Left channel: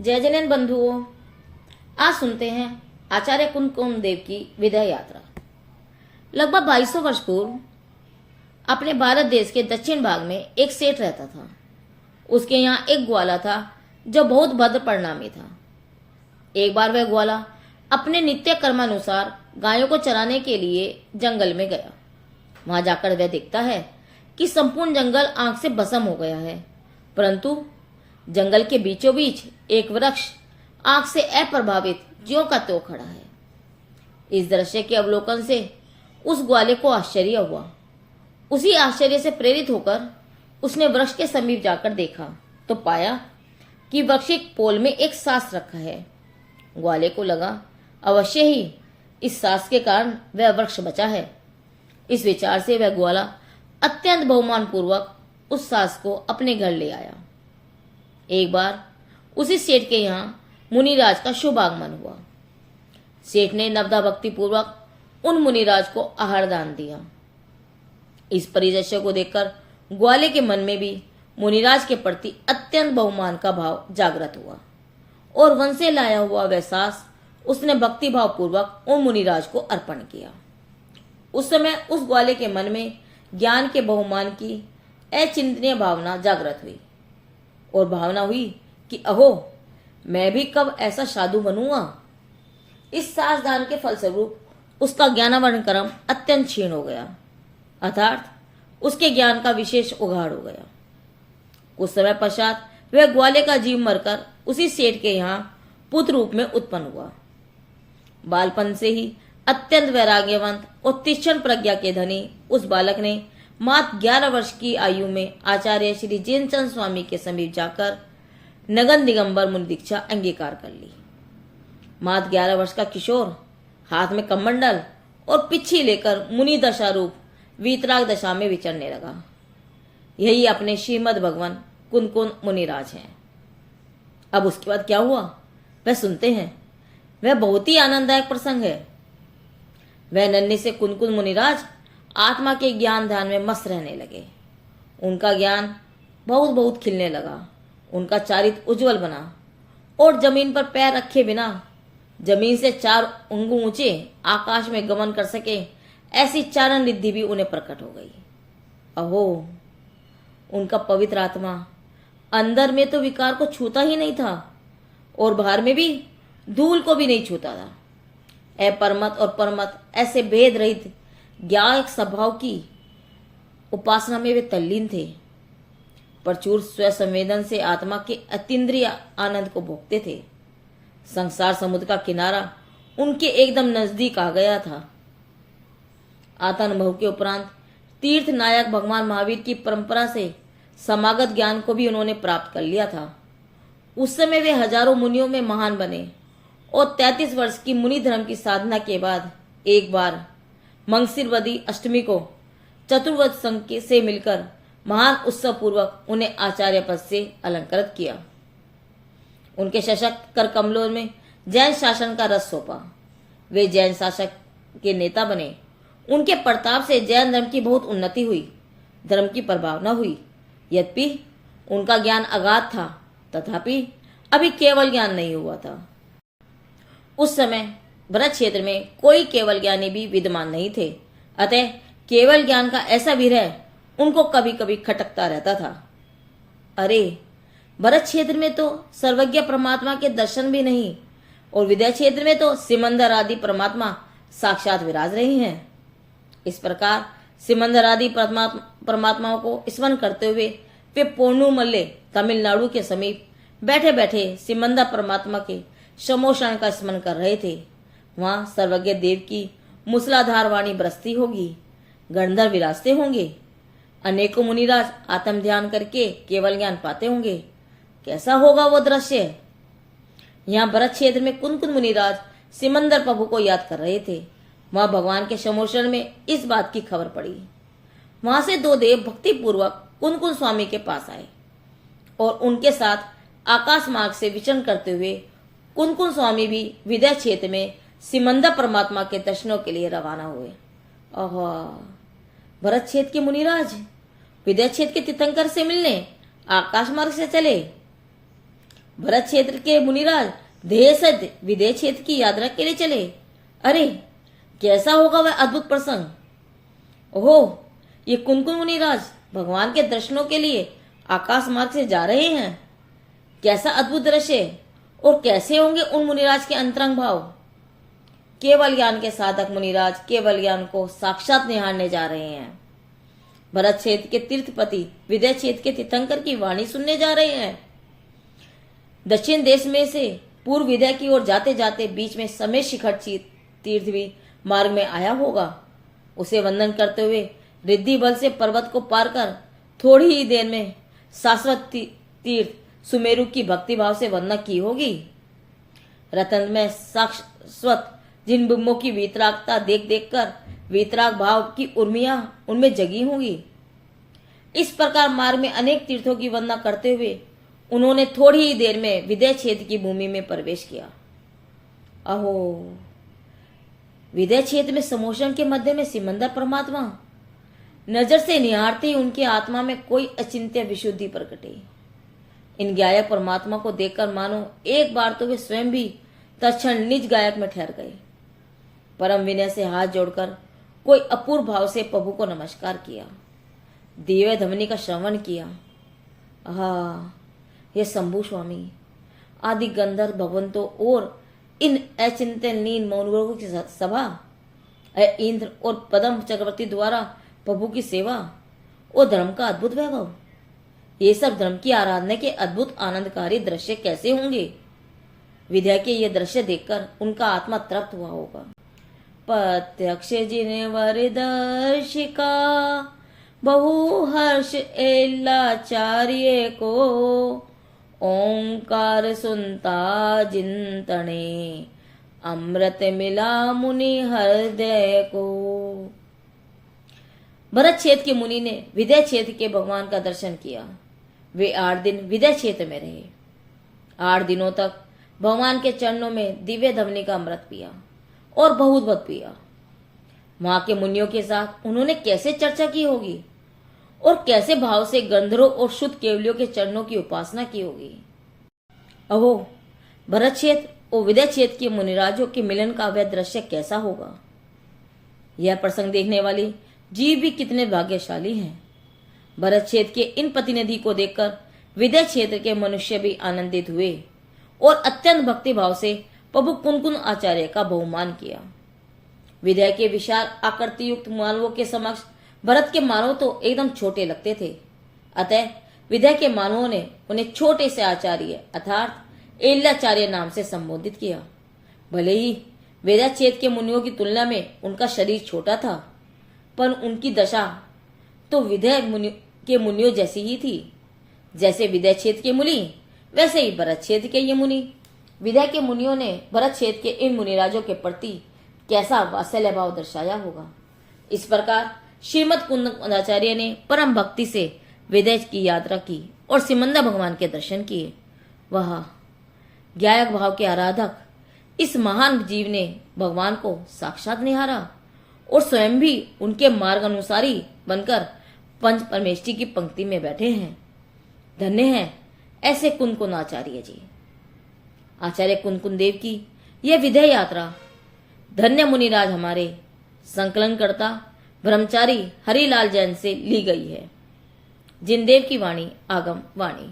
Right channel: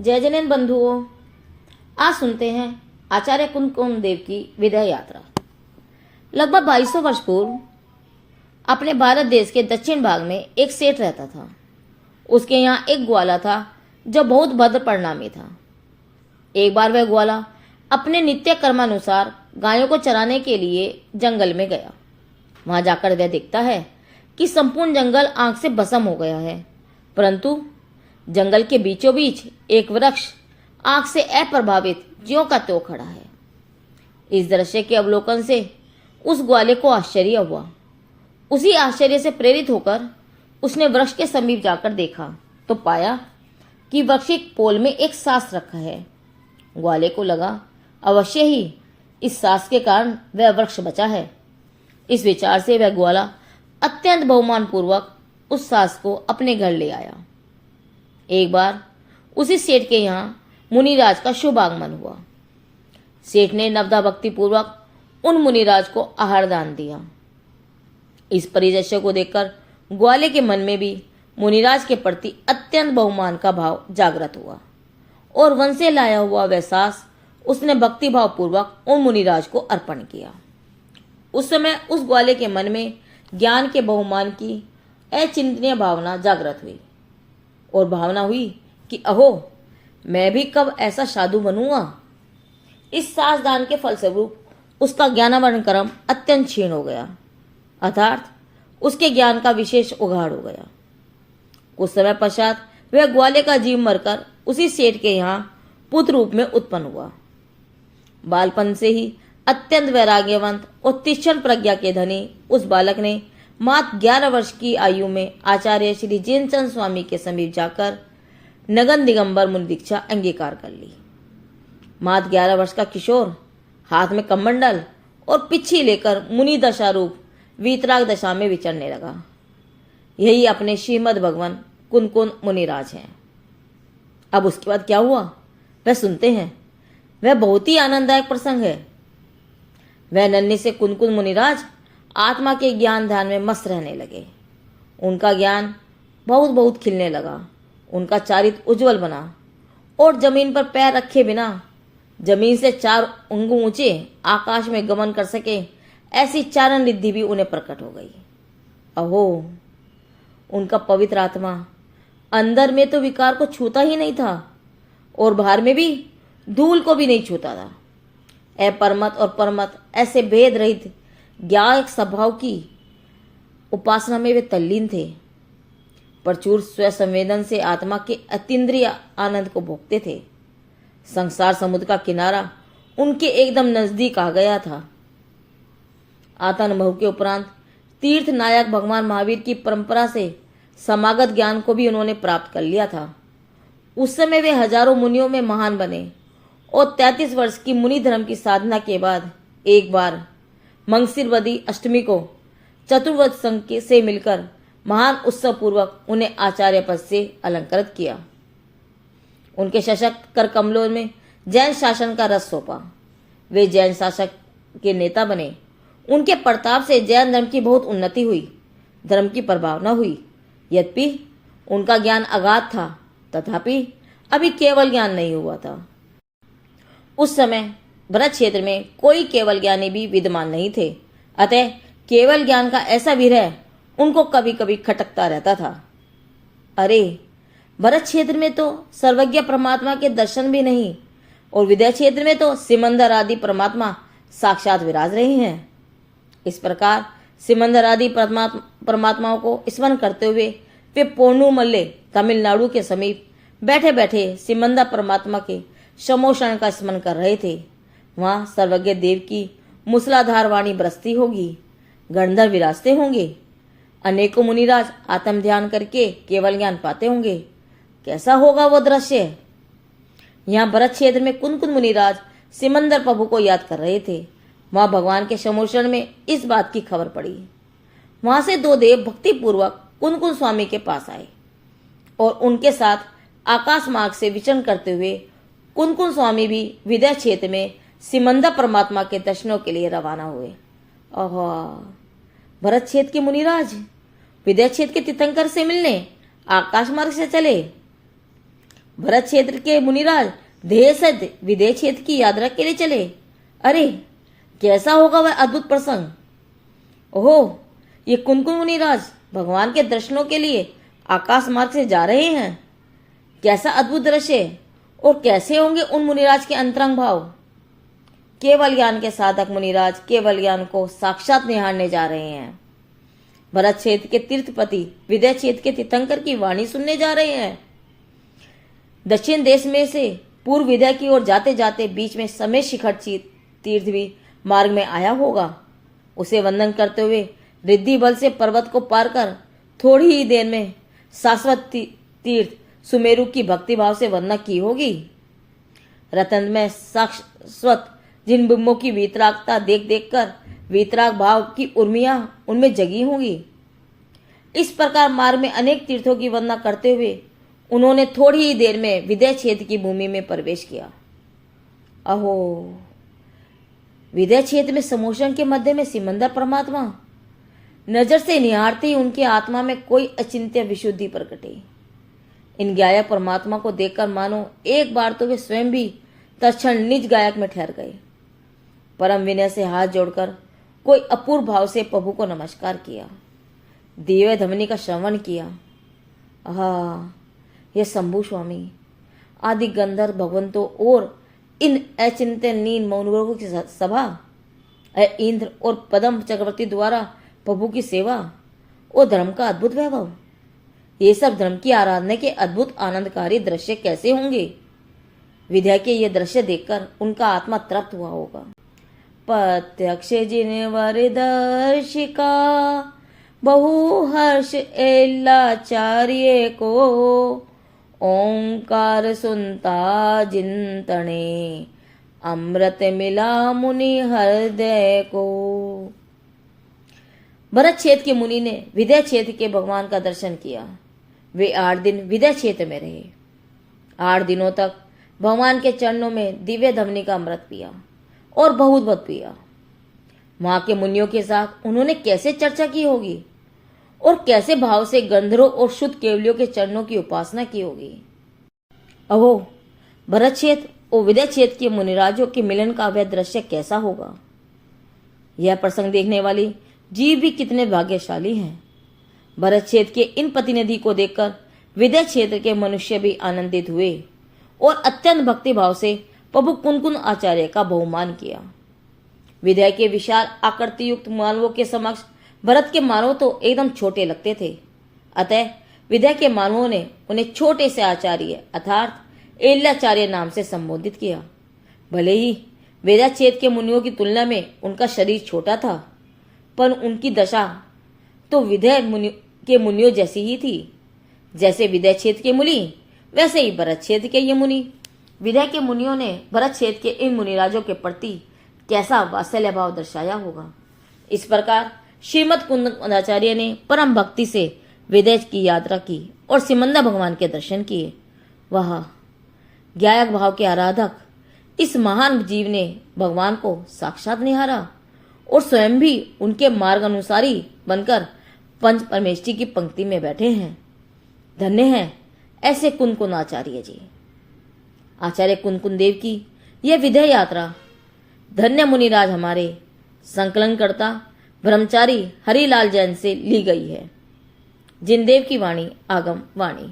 जय जैन बंधुओं, आज सुनते हैं आचार्य कुंकुम देव की विदाई यात्रा। लगभग 2200 वर्ष पूर्व अपने भारत देश के दक्षिण भाग में एक सेठ रहता था। उसके यहाँ एक ग्वाला था जो बहुत भद्र परिणामी था। एक बार वह ग्वाला अपने नित्य कर्मानुसार गायों को चराने के लिए जंगल में गया। वहां जाकर वह देखता है कि संपूर्ण जंगल आग से भस्म हो गया है, परंतु जंगल के बीचों बीच एक वृक्ष आग से अप्रभावित ज्यों का त्यों खड़ा है। इस दृश्य के अवलोकन से उस ग्वाले को आश्चर्य हुआ। उसी आश्चर्य से प्रेरित होकर उसने वृक्ष के समीप जाकर देखा तो पाया कि वृक्ष के पोल में एक सास रखा है। ग्वाले को लगा अवश्य ही इस सास के कारण वह वृक्ष बचा है। इस विचार से वह ग्वाला अत्यंत बहुमान पूर्वक उस सास को अपने घर ले आया। एक बार उसी सेठ के यहाँ मुनिराज का शुभ आगमन हुआ। सेठ ने नवदा भक्ति पूर्वक उन मुनिराज को आहार दान दिया। इस परिदृश्य को देखकर ग्वाले के मन में भी मुनिराज के प्रति अत्यंत बहुमान का भाव जागृत हुआ और वन से लाया हुआ वह सास उसने भक्ति भाव पूर्वक उन मुनिराज को अर्पण किया। उस समय उस ग्वाले के मन में ज्ञान के बहुमान की अचिंतनीय भावना जागृत हुई और भावना हुई कि अहो, मैं भी कब ऐसा साधु बनूंगा। इस सास दान के फलस्वरूप उसका ज्ञानावरण क्रम अत्यंत क्षीण हो गया, अर्थात उसके ज्ञान का विशेष उघाड़ हो गया। कुछ समय पश्चात वह ग्वाले का जीव मरकर उसी सेठ के यहाँ पुत्र रूप में उत्पन्न हुआ। बालपन से ही अत्यंत वैराग्यवंत और तीक्ष्ण प्रज्ञा के धनी उस बालक ने मात्र 11 वर्ष की आयु में आचार्य श्री जैनचंद स्वामी के समीप जाकर नगन दिगंबर मुनि दीक्षा अंगीकार कर ली। मात्र 11 वर्ष का किशोर हाथ में कमंडल और पिच्छी लेकर मुनि दशा रूप वीतराग दशा में विचरने लगा। यही अपने श्रीमद भगवान कुनकुन मुनिराज हैं। अब उसके बाद क्या हुआ वह सुनते हैं। वह बहुत ही आनंददायक प्रसंग है। वह नन्हे से कुनकुन मुनिराज आत्मा के ज्ञान ध्यान में मस्त रहने लगे। उनका ज्ञान बहुत बहुत खिलने लगा। उनका चारित्र उज्जवल बना और जमीन पर पैर रखे बिना जमीन से 4 अंगुल ऊंचे आकाश में गमन कर सके ऐसी चारण रिद्धि भी उन्हें प्रकट हो गई। अहो, उनका पवित्र आत्मा अंदर में तो विकार को छूता ही नहीं था और बाहर में भी धूल को भी नहीं छूता था। अपरमत और परमत ऐसे भेद रहित ज्ञायक स्वभाव की उपासना में वे तल्लीन थे। प्रचुर स्वसंवेदन से आत्मा के अतीन्द्रिय आनंद को भोगते थे। संसार समुद्र का किनारा उनके एकदम नजदीक आ गया था। आत्मानुभव के उपरांत तीर्थ नायक भगवान महावीर की परंपरा से समागत ज्ञान को भी उन्होंने प्राप्त कर लिया था। उस समय वे हजारों मुनियों में महान बने और 33 वर्ष की मुनि धर्म की साधना के बाद एक बार मंगसिरवदी अष्टमी को चतुर्वद संघ से मिलकर महान उत्सव पूर्वक उन्हें आचार्य पद से अलंकृत किया। उनके सशक्त कर कमलों में जैन शासन का रस सौंपा। वे जैन शासक के नेता बने। उनके प्रताप से जैन धर्म की बहुत उन्नति हुई, धर्म की प्रभावना हुई। यद्यपि उनका ज्ञान अगाध था, तथापि अभी केवल ज्ञान नहीं हुआ था। उस समय भरत क्षेत्र में कोई केवल ज्ञानी भी विद्यमान नहीं थे, अतः केवल ज्ञान का ऐसा विरह उनको कभी कभी खटकता रहता था। अरे, भरत क्षेत्र में तो सर्वज्ञ परमात्मा के दर्शन भी नहीं और विदय क्षेत्र में तो सिमंदर आदि परमात्मा साक्षात विराज रहे हैं। इस प्रकार सिमंदर आदि परमात्माओं को स्मरण करते हुए वे पोर्णुमल्ले तमिलनाडु के समीप बैठे बैठे सिमंदर परमात्मा के समोषण का स्मरण कर रहे थे। वहां सर्वज्ञ देव की मूसलाधार वाणी बरसती होगी, गंधर्व विराजते होंगे, अनेकों मुनिराज आत्म ध्यान करके केवल ज्ञान पाते होंगे। कैसा होगा वो दृश्य। यहाँ भरत क्षेत्र में कुनकुन मुनिराज सिमंदर प्रभु को याद कर रहे थे। वहां भगवान के समोषण में इस बात की खबर पड़ी। वहां से 2 देव भक्ति पूर्वक कुनकुन स्वामी के पास आए और उनके साथ आकाश मार्ग से विचरण करते हुए कुनकुन स्वामी भी विदय क्षेत्र में सिमंदर परमात्मा के दर्शनों के लिए रवाना हुए। ओह, भरत क्षेत्र के मुनिराज विदय क्षेत्र के तीर्थंकर से मिलने आकाश मार्ग से चले। भरत क्षेत्र के मुनिराज देश विदेश क्षेत्र की यात्रा के लिए चले। अरे कैसा होगा वह अद्भुत प्रसंग। ओह, ये कुनकुन मुनिराज भगवान के दर्शनों के लिए आकाश मार्ग से जा रहे हैं। कैसा अद्भुत दृश्य, और कैसे होंगे उन मुनिराज के अंतरंग भाव। केवल ज्ञान के साधक मुनिराज केवल ज्ञान को साक्षात निहारने जा रहे हैं। भरत क्षेत्र के तीर्थपति विदय क्षेत्र के तीर्थंकर की वाणी सुनने जा रहे हैं। दक्षिण देश में से पूर्व विदय की ओर जाते जाते बीच में समेत शिखर तीर्थ भी मार्ग में आया होगा। उसे वंदन करते हुए रिद्धि बल से पर्वत को पार कर थोड़ी ही देर में शाश्वत तीर्थ सुमेरु की भक्ति भाव से वंदना की होगी। रतन में शाश्वत जिन बिंबों की वीतरागता देख देख कर वीतराग भाव की उर्मियां उनमें जगी होंगी। इस प्रकार मार्ग में अनेक तीर्थों की वंदना करते हुए उन्होंने थोड़ी ही देर में विदय क्षेत्र की भूमि में प्रवेश किया। अहो, विदय क्षेत्र में समोशन के मध्य में सिमंदर परमात्मा नजर से निहारते ही उनके आत्मा में कोई अचिंत्य विशुद्धि प्रकटे। इन गायक परमात्मा को देखकर मानो एक बार तो वे स्वयं भी तत्क्षण निज गायक में ठहर गए। परम विनय से हाथ जोड़कर कोई अपूर्व भाव से प्रभु को नमस्कार किया, दिव्य ध्वनि का श्रवण किया। आहा, ये शंभु स्वामी आदि गंधर्व भगवंतों और इन अचिंतनीय मौनवर्गों की सभा, इंद्र और पद्म चक्रवर्ती द्वारा प्रभु की सेवा और धर्म का अद्भुत वैभव, ये सब धर्म की आराधना के अद्भुत आनंदकारी दृश्य कैसे होंगे। विद्या के ये दृश्य देखकर उनका आत्मा तृप्त हुआ होगा। प्रत्यक्ष जिनवर दर्शिका बहु हर्ष एल्लाचार्य को, ओंकार सुनता जिंतने अमृत मिला मुनि हृदय को। भरत क्षेत्र के मुनि ने विदय क्षेत्र के भगवान का दर्शन किया। वे 8 दिन विदय क्षेत्र में रहे। 8 दिनों तक भगवान के चरणों में दिव्य ध्वनि का अमृत पिया और बहुत पिया। वहां के मुनियों के साथ उन्होंने कैसे चर्चा की होगी और कैसे भाव से गंधर्वों और शुद्ध केवलियों के चरणों की उपासना की होगी। अहो, भरत क्षेत्र और विदय क्षेत्र के मुनिराजों के मिलन का वह दृश्य कैसा होगा। यह प्रसंग देखने वाली जीव भी कितने भाग्यशाली हैं। भरत क्षेत्र के इन प्रतिनिधि को देखकर विदय क्षेत्र के मनुष्य भी आनंदित हुए और अत्यंत भक्ति भाव से प्रभु कुनकुन आचार्य का बहुमान किया। विदय के विशाल आकृति युक्त मानवों के समक्ष भरत के मानव तो एकदम छोटे लगते थे। अतः विदय के मानवों ने उन्हें छोटे से आचार्य अर्थात एल्याचार्य नाम से संबोधित किया। भले ही विदय क्षेत्र के मुनियों की तुलना में उनका शरीर छोटा था, पर उनकी दशा तो विदय के मुनियों जैसी ही थी। जैसे विदय क्षेत्र के मुनि वैसे ही भरत क्षेत्र के ये मुनि। विदय के मुनियों ने भरत क्षेत्र के इन मुनिराजों के प्रति कैसा वात्सल्य भाव दर्शाया होगा। इस प्रकार श्रीमद कुंदनाचार्य ने परम भक्ति से विदय की यात्रा की और सिमंदर भगवान के दर्शन किए। वह गायक भाव के आराधक इस महान जीव ने भगवान को साक्षात निहारा और स्वयं भी उनके मार्ग अनुसारी बनकर पंच परमेष्ठी की पंक्ति में बैठे हैं। धन्य हैं ऐसे कुनकुन आचार्य जी। आचार्य कुनकुन देव की यह विदय यात्रा धन्य मुनिराज हमारे संकलनकर्ता ब्रह्मचारी हरिलाल जैन से ली गई है। जिनदेव की वाणी आगम वाणी।